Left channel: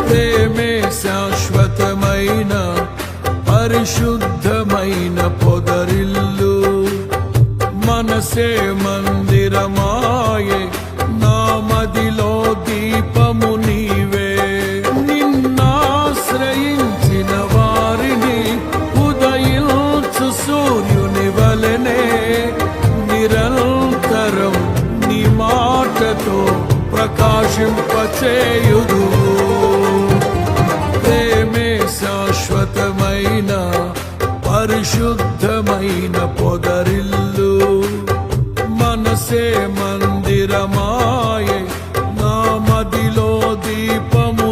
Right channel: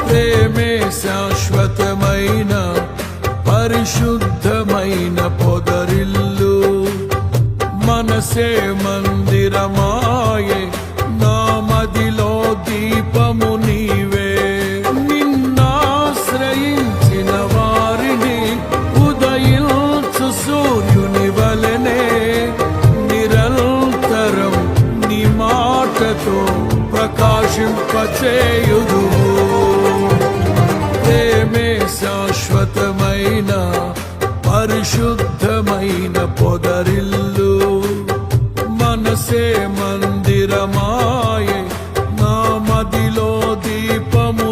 ప్రేమే శాశ్వతమైన పరిశుద్ధమైన పొదరిల్లు. మనసే మందిరమాయే, నా మదిలో దీపము నీవే. నిన్నాశ్రయించిన వారిని ఉదయించు సూర్యుని వలెనే నిరంతరం నీ మాటతో ప్రకాశింపచేయుదువు. ప్రేమే శాశ్వతమైన పరిశుద్ధమైన పొదరిల్లు. మనసే మందిరమాయే, నా మదిలో దీపము